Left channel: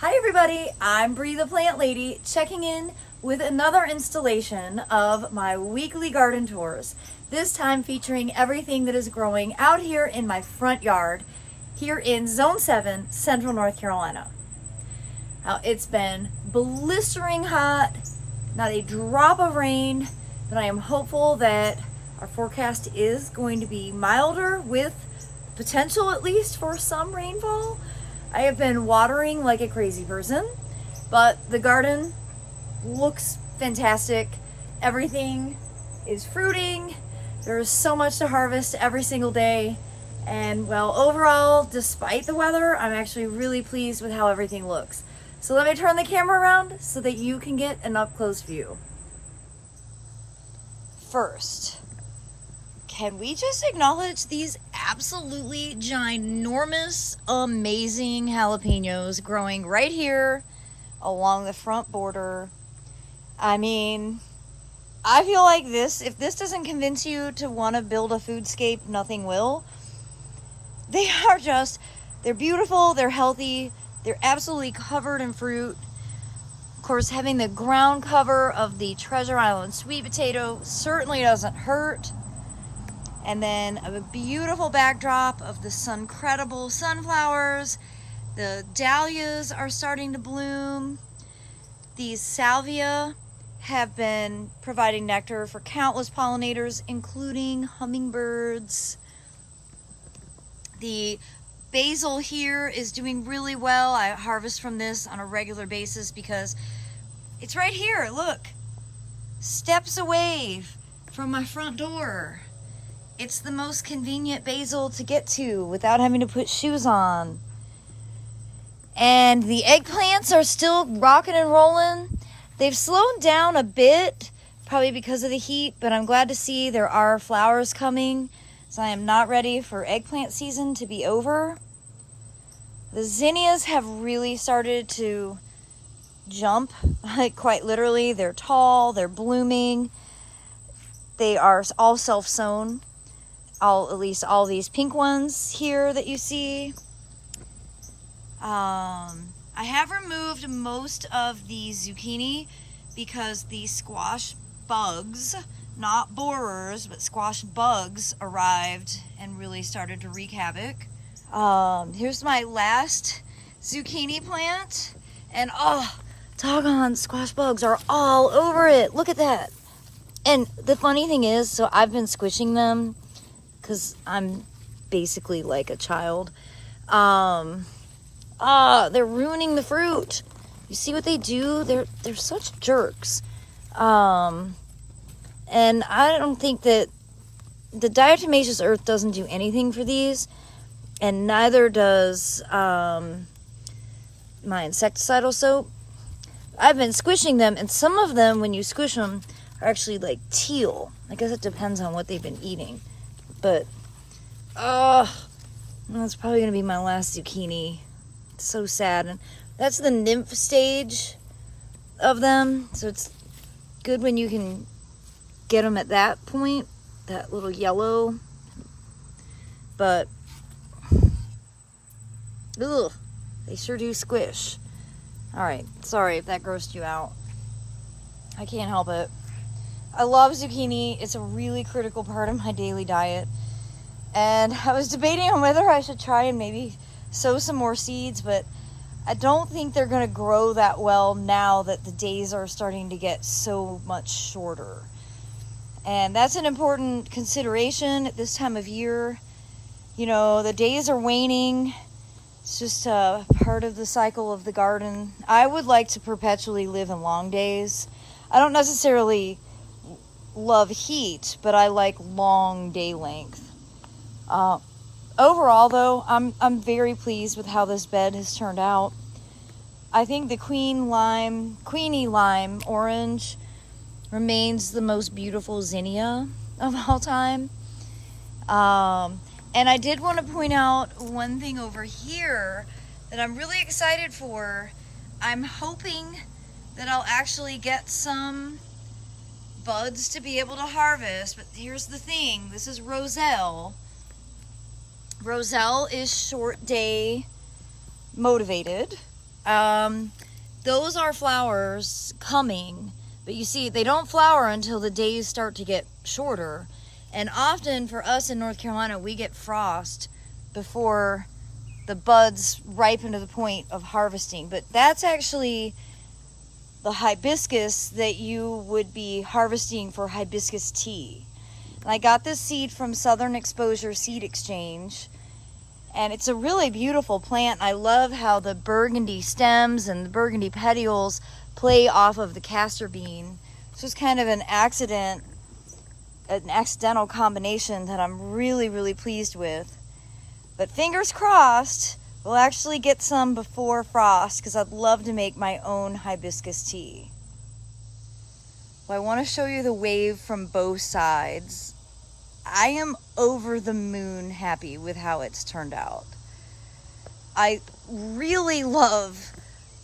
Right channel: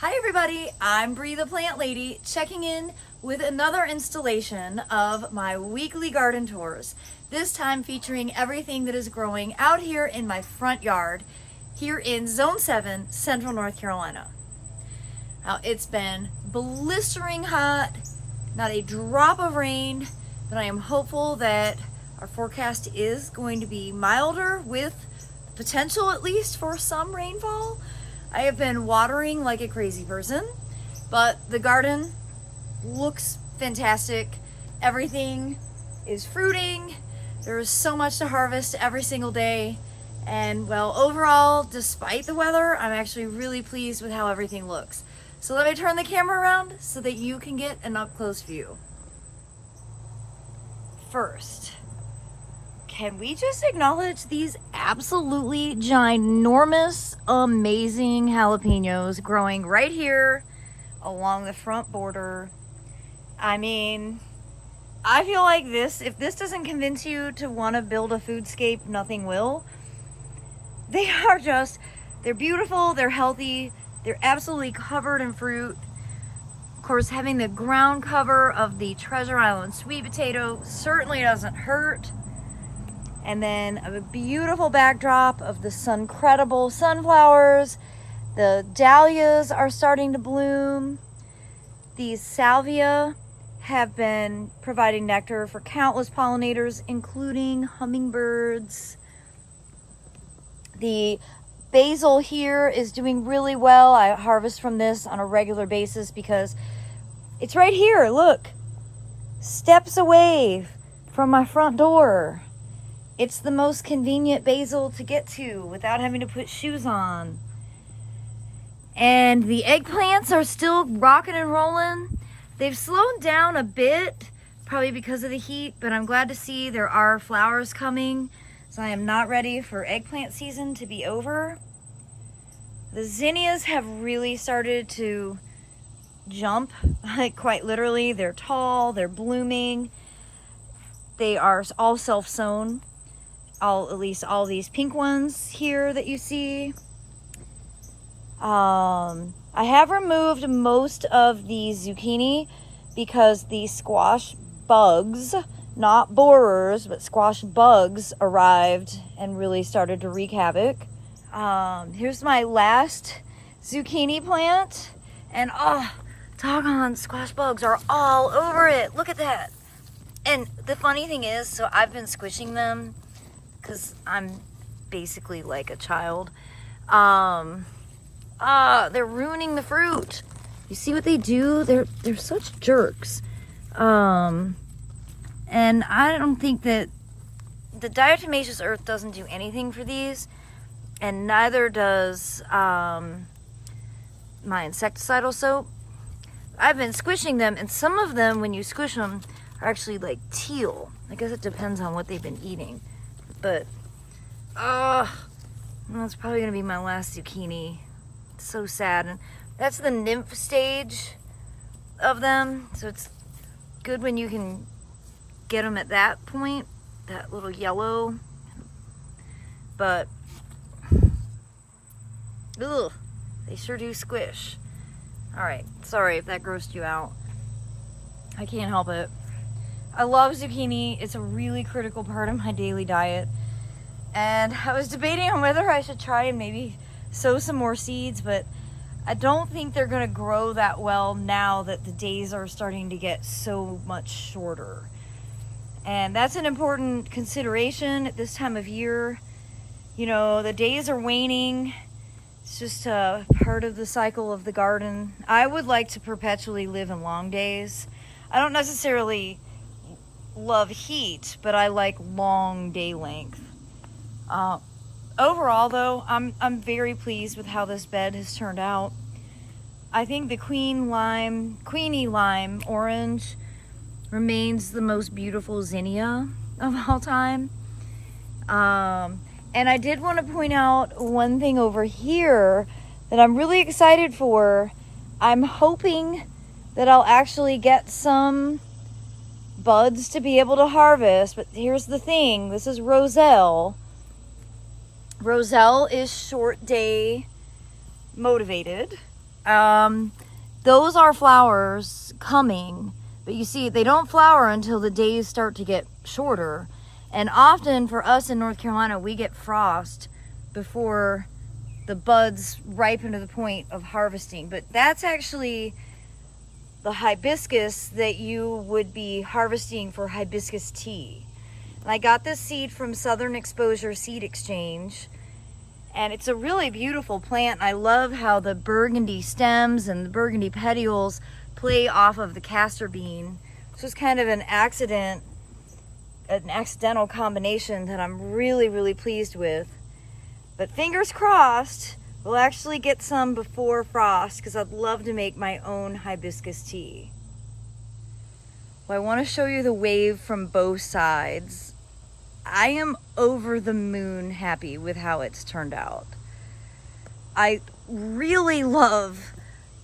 Hi everybody, I'm Bree the Plant Lady, checking in with another installation of my weekly garden tours. This time featuring everything that is growing out here in my front yard, here in Zone 7, Central North Carolina. Now it's been blistering hot, not a drop of rain, but I am hopeful that our forecast is going to be milder with potential at least for some rainfall. I have been watering like a crazy person, but the garden looks fantastic. Everything is fruiting. There's so much to harvest every single day. And well, overall, despite the weather, I'm actually really pleased with how everything looks. So let me turn the camera around so that you can get an up-close view. First, can we just acknowledge these absolutely ginormous, amazing jalapenos growing right here along the front border? I mean, I feel like if this doesn't convince you to want to build a foodscape, nothing will. They're beautiful, they're healthy, they're absolutely covered in fruit. Of course, having the ground cover of the Treasure Island sweet potato certainly doesn't hurt. And then a beautiful backdrop of the Suncredible sunflowers. The dahlias are starting to bloom. These salvia have been providing nectar for countless pollinators, including hummingbirds. The basil here is doing really well. I harvest from this on a regular basis because it's right here, look. Steps away from my front door. It's the most convenient basil to get to without having to put shoes on. And the eggplants are still rocking and rolling. They've slowed down a bit, probably because of the heat, but I'm glad to see there are flowers coming. So I am not ready for eggplant season to be over. The zinnias have really started to jump, like quite literally. They're tall, they're blooming. They are all self-sown. At least all these pink ones here that you see. I have removed most of the zucchini because the squash bugs, not borers, but squash bugs arrived and really started to wreak havoc. Here's my last zucchini plant, and doggone squash bugs are all over it. Look at that. And the funny thing is, so I've been squishing them because I'm basically like a child. They're ruining the fruit. You see what they do? They're such jerks. And I don't think that the diatomaceous earth doesn't do anything for these, and neither does my insecticidal soap. I've been squishing them, and some of them, when you squish them, are actually like teal. I guess it depends on what they've been eating. But, that's probably going to be my last zucchini. It's so sad. And that's the nymph stage of them. So it's good when you can get them at that point, that little yellow. But, they sure do squish. Alright, sorry if that grossed you out. I can't help it. I love zucchini. It's a really critical part of my daily diet. And I was debating on whether I should try and maybe sow some more seeds, but I don't think they're going to grow that well now that the days are starting to get so much shorter. And that's an important consideration at this time of year. You know, the days are waning. It's just a part of the cycle of the garden. I would like to perpetually live in long days. I don't necessarily love heat, but I like long day length. Overall though, I'm very pleased with how this bed has turned out. I think the Queenie Lime Orange remains the most beautiful zinnia of all time. And I did want to point out one thing over here that I'm really excited for. I'm hoping that I'll actually get some buds to be able to harvest, but here's the thing. This is Roselle. Roselle is short day motivated. Those are flowers coming, but you see, they don't flower until the days start to get shorter. And often for us in North Carolina, we get frost before the buds ripen to the point of harvesting. But that's actually the hibiscus that you would be harvesting for hibiscus tea. And I got this seed from Southern Exposure Seed Exchange, and it's a really beautiful plant. I love how the burgundy stems and the burgundy petioles play off of the castor bean. This was kind of an accidental combination that I'm really, really pleased with. But fingers crossed, we'll actually get some before frost, because I'd love to make my own hibiscus tea. Well, I want to show you the wave from both sides. I am over the moon happy with how it's turned out. I really love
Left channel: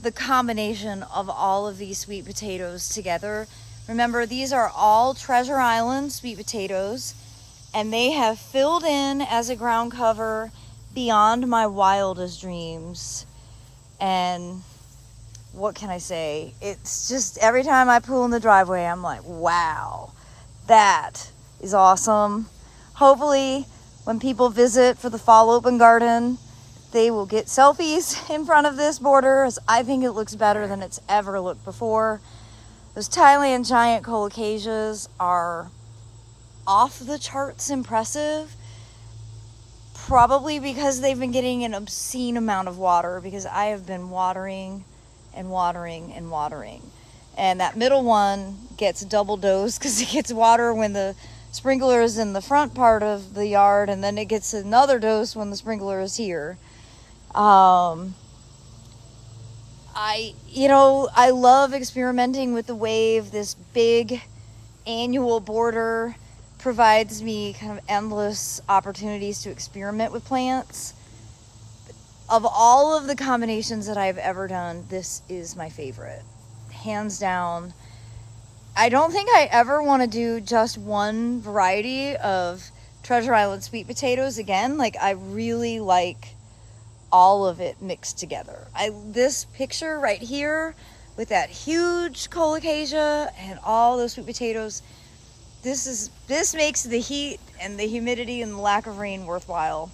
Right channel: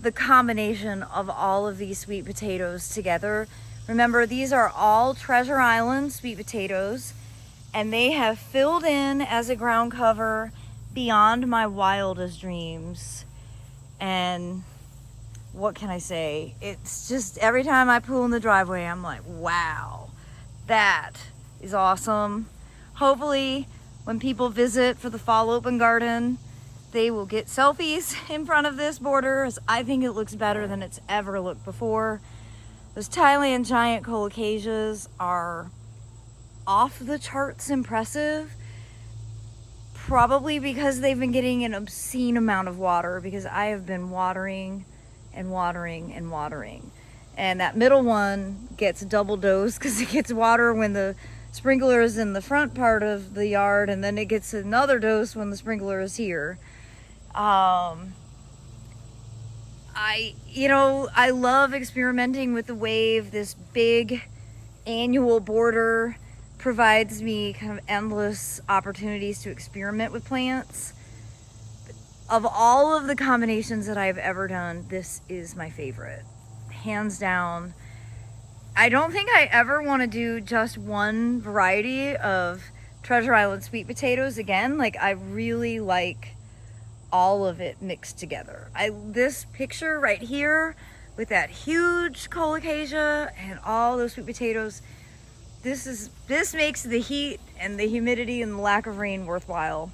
the combination of all of these sweet potatoes together. Remember, these are all Treasure Island sweet potatoes, and they have filled in as a ground cover beyond my wildest dreams. And what can I say? It's just every time I pull in the driveway, I'm like, wow, that is awesome. Hopefully, when people visit for the fall open garden, they will get selfies in front of this border, as I think it looks better than it's ever looked before. Those Thailand giant colocasias are off the charts impressive, probably because they've been getting an obscene amount of water, because I have been watering and watering and watering. And that middle one gets double dose because it gets water when the sprinkler is in the front part of the yard, and then it gets another dose when the sprinkler is here. I love experimenting with the wave. This big annual border provides me kind of endless opportunities to experiment with plants. Of all of the combinations that I've ever done, this is my favorite, hands down. I don't think I ever want to do just one variety of Treasure Island sweet potatoes again. Like, I really like all of it mixed together. This picture right here with that huge colocasia and all those sweet potatoes, this makes the heat and the humidity and the lack of rain worthwhile.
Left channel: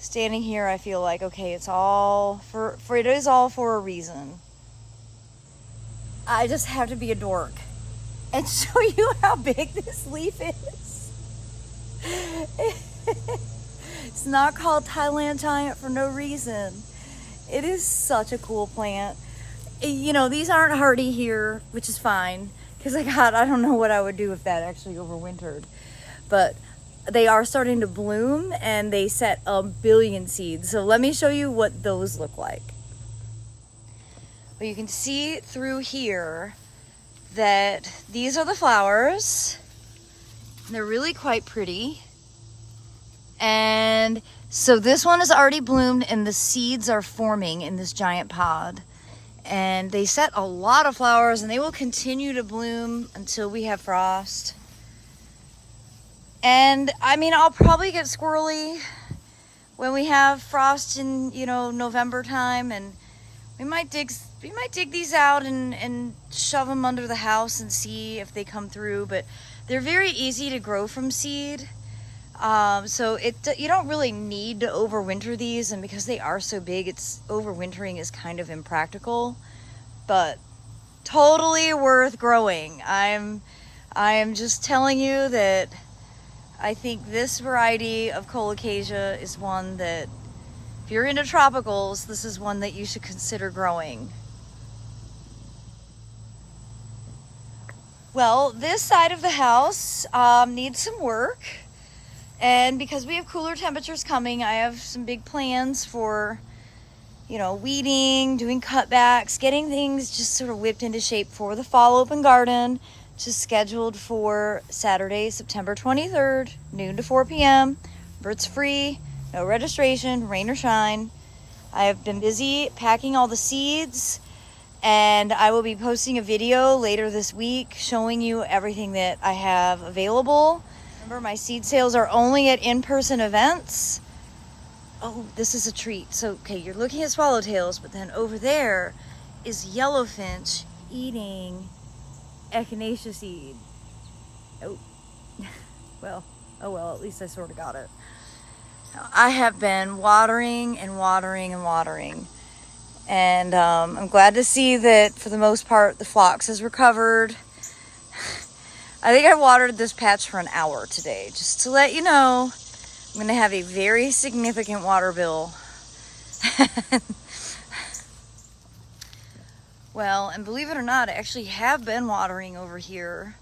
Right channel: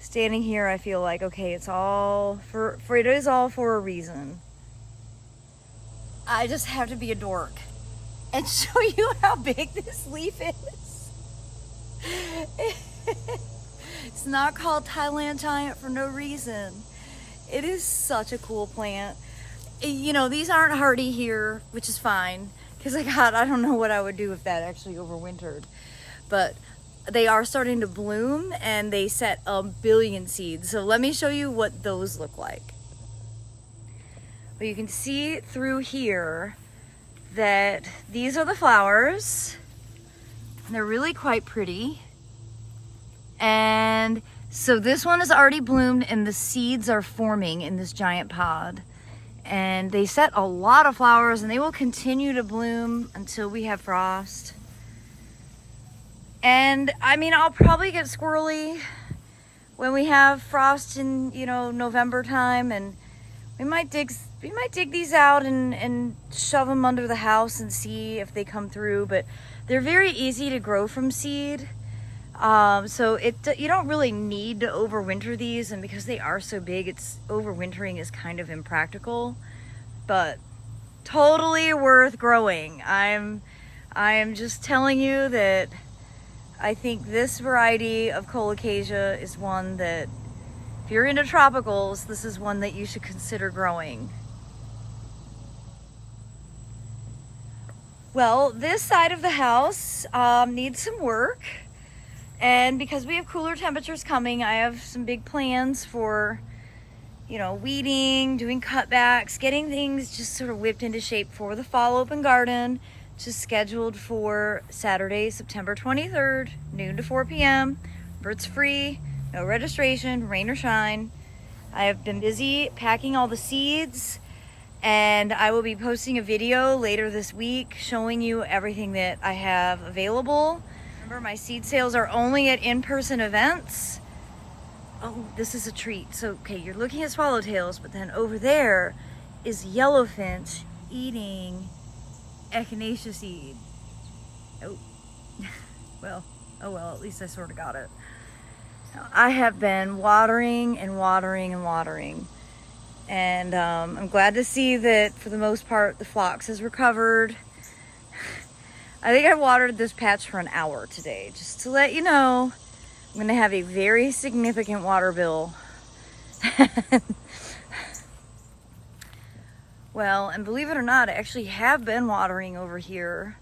Standing here, I feel like, okay, it is all for a reason. I just have to be a dork and show you how big this leaf is. It's not called Thailand giant for no reason. It is such a cool plant. You know, these aren't hardy here, which is fine, because I don't know what I would do if that actually overwintered. But they are starting to bloom, and they set a billion seeds. So let me show you what those look like. Well, you can see through here that these are the flowers. They're really quite pretty. And so this one is already bloomed, and the seeds are forming in this giant pod. And they set a lot of flowers, and they will continue to bloom until we have frost. And I mean, I'll probably get squirrely when we have frost in, November time, and we might dig these out and shove them under the house and see if they come through. But they're very easy to grow from seed. So you don't really need to overwinter these, and because they are so big, overwintering is kind of impractical, but totally worth growing. I'm just telling you that I think this variety of colocasia is one that, if you're into tropicals, this is one that you should consider growing. Well, this side of the house needs some work. And because we have cooler temperatures coming, I have some big plans for, weeding, doing cutbacks, getting things just sort of whipped into shape for the fall open garden, which is scheduled for Saturday, September 23rd, noon to 4 p.m. It's free, no registration, rain or shine. I have been busy packing all the seeds, and I will be posting a video later this week showing you everything that I have available. Remember, my seed sales are only at in-person events. Oh, this is a treat. So, okay, you're looking at swallowtails, but then over there is yellowfinch eating echinacea seed. Oh, well, oh well, at least I sort of got it. Now, I have been watering and watering and watering. And I'm glad to see that for the most part the phlox has recovered. I think I watered this patch for an hour today, just to let you know I'm going to have a very significant water bill. Well, and believe it or not, I actually have been watering over here,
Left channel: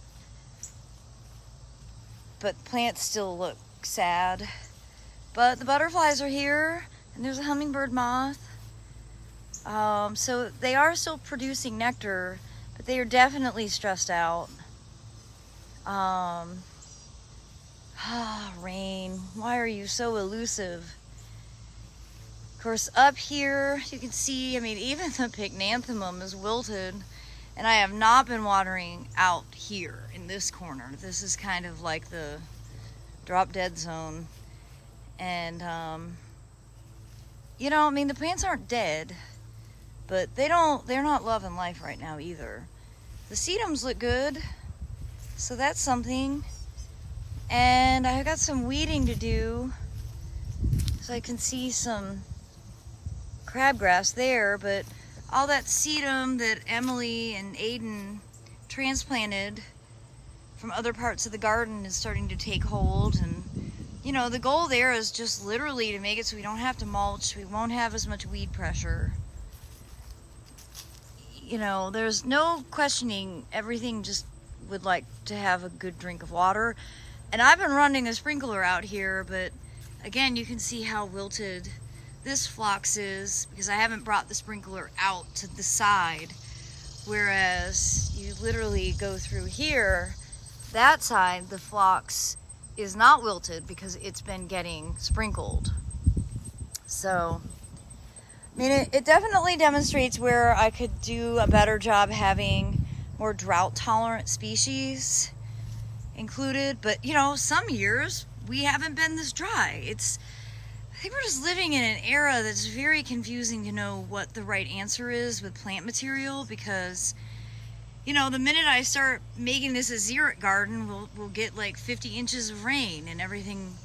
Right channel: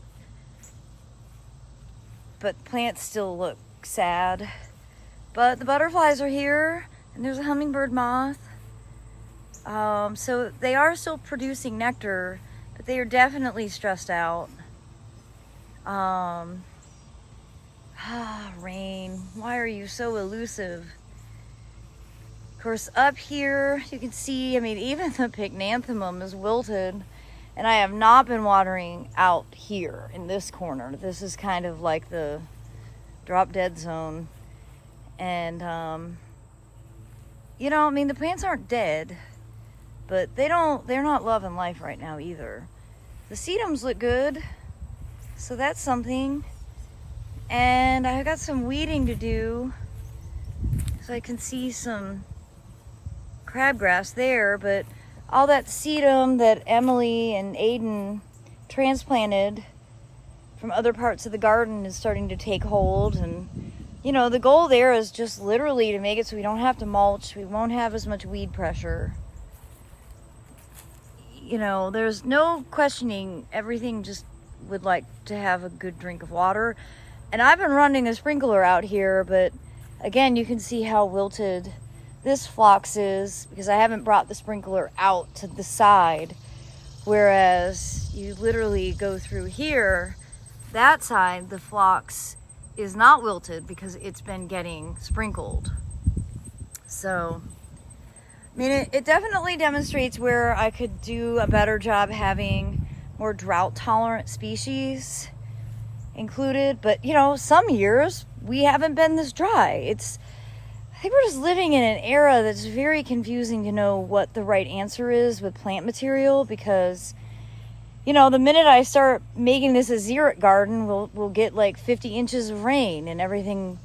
but plants still look sad. But the butterflies are here, and there's a hummingbird moth. So they are still producing nectar, but they are definitely stressed out. Rain, why are you so elusive? Of course, up here you can see, I mean, even the pycnanthemum is wilted, and I have not been watering out here in this corner. This is kind of like the drop dead zone. And, you know, I mean, the plants aren't dead, but they're not loving life right now either. The sedums look good, so that's something. And I've got some weeding to do, so I can see some crabgrass there, but all that sedum that Emily and Aiden transplanted from other parts of the garden is starting to take hold. And you know, the goal there is just literally to make it so we don't have to mulch, we won't have as much weed pressure. You know, there's no questioning, everything just would like to have a good drink of water. And I've been running a sprinkler out here, but again, you can see how wilted this phlox is because I haven't brought the sprinkler out to the side. Whereas you literally go through here, that side, the phlox is not wilted because it's been getting sprinkled. So, I mean, it definitely demonstrates where I could do a better job having more drought tolerant species included. But you know, some years we haven't been this dry. I think we're just living in an era that's very confusing to know what the right answer is with plant material, because you know, the minute I start making this a xeric garden, we'll get like 50 inches of rain and everything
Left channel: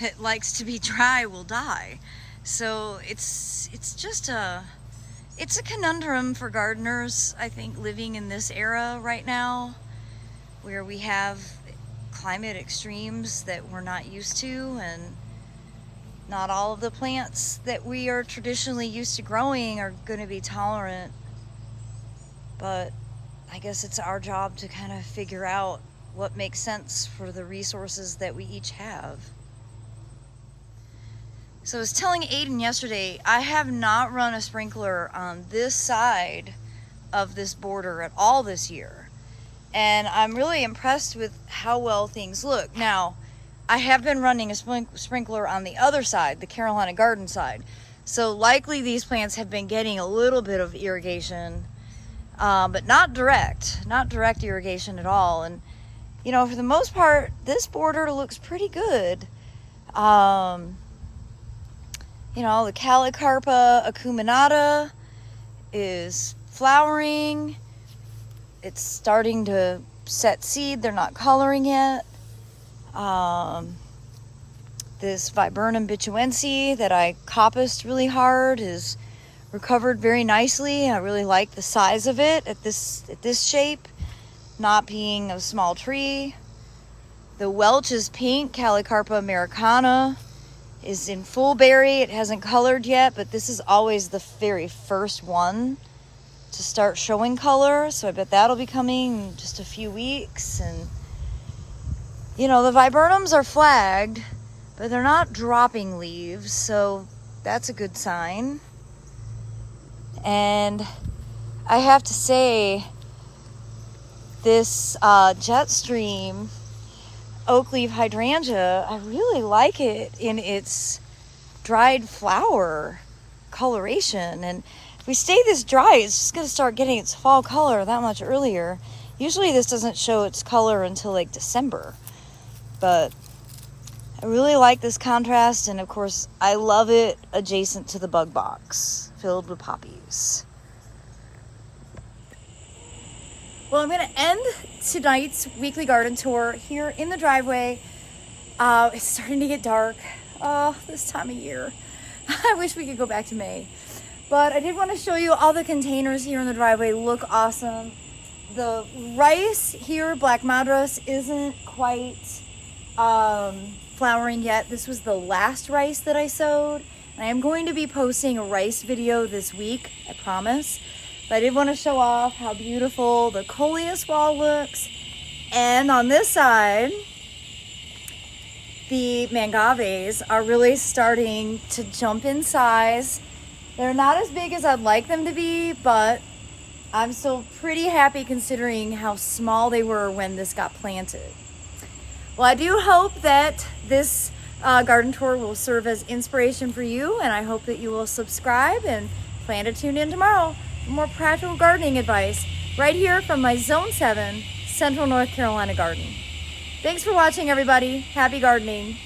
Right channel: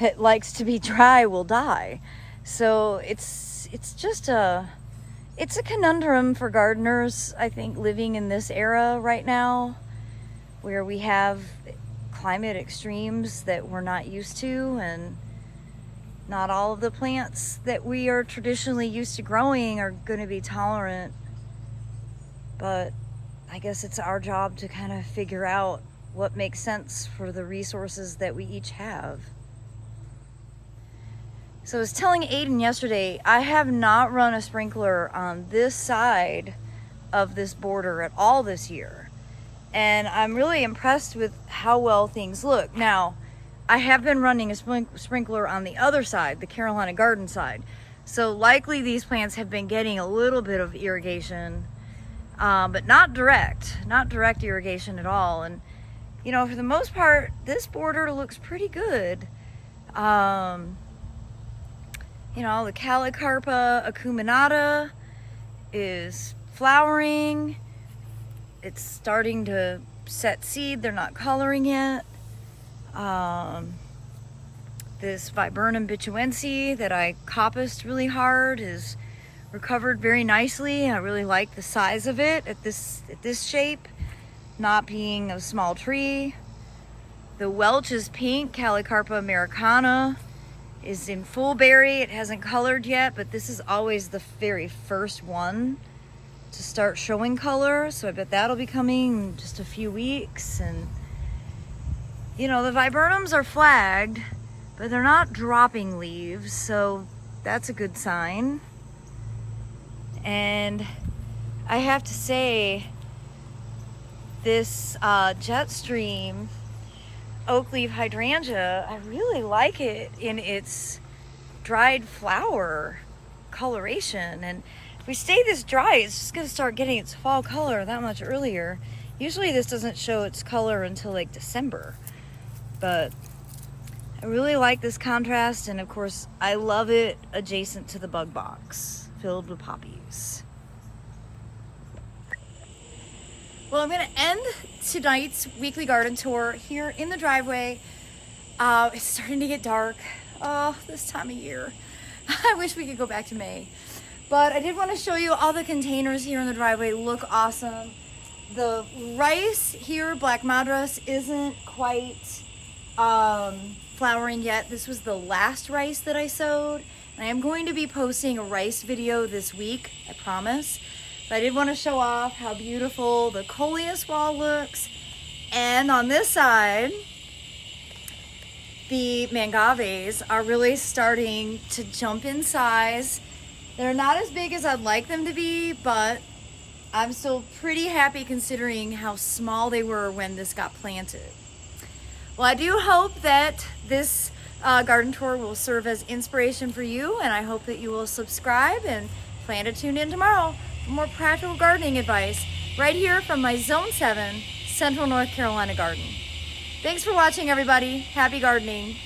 that likes to be dry will die. So it's just it's a conundrum for gardeners, I think, living in this era right now, where we have climate extremes that we're not used to, and not all of the plants that we are traditionally used to growing are going to be tolerant. But I guess it's our job to kind of figure out what makes sense for the resources that we each have. So I was telling Aiden yesterday, I have not run a sprinkler on this side of this border at all this year. And I'm really impressed with how well things look. Now, I have been running a sprinkler on the other side, the Carolina garden side. So likely these plants have been getting a little bit of irrigation, but not direct irrigation at all. And you know, for the most part, this border looks pretty good. You know, the Calicarpa acuminata is flowering. It's starting to set seed. They're not coloring yet. This Viburnum bituense that I coppiced really hard is recovered very nicely. I really like the size of it at this shape, not being a small tree. The Welch is pink, Calicarpa americana is in full berry. It hasn't colored yet, but this is always the very first one to start showing color, so I bet that'll be coming in just a few weeks. And you know, the viburnums are flagged, but they're not dropping leaves, so that's a good sign. And I have to say, this Jetstream oak leaf hydrangea, I really like it in its dried flower coloration. And if we stay this dry, it's just going to start getting its fall color that much earlier. Usually this doesn't show its color until like December, but I really like this contrast, and of course I love it adjacent to the bug box filled with poppies. Well, I'm gonna end tonight's weekly garden tour here in the driveway. It's starting to get dark. Oh, this time of year. I wish we could go back to May. But I did want to show you all the containers here in the driveway look awesome. The rice here, Black Madras, isn't quite flowering yet. This was the last rice that I sowed. And I am going to be posting a rice video this week, I promise. But I did want to show off how beautiful the coleus wall looks. And on this side, the mangaves are really starting to jump in size. They're not as big as I'd like them to be, but I'm still pretty happy considering how small they were when this got planted. Well, I do hope that this garden tour will serve as inspiration for you, and I hope that you will subscribe and plan to tune in tomorrow for more practical gardening advice right here from my Zone 7 Central North Carolina garden. Thanks for watching, everybody. Happy gardening.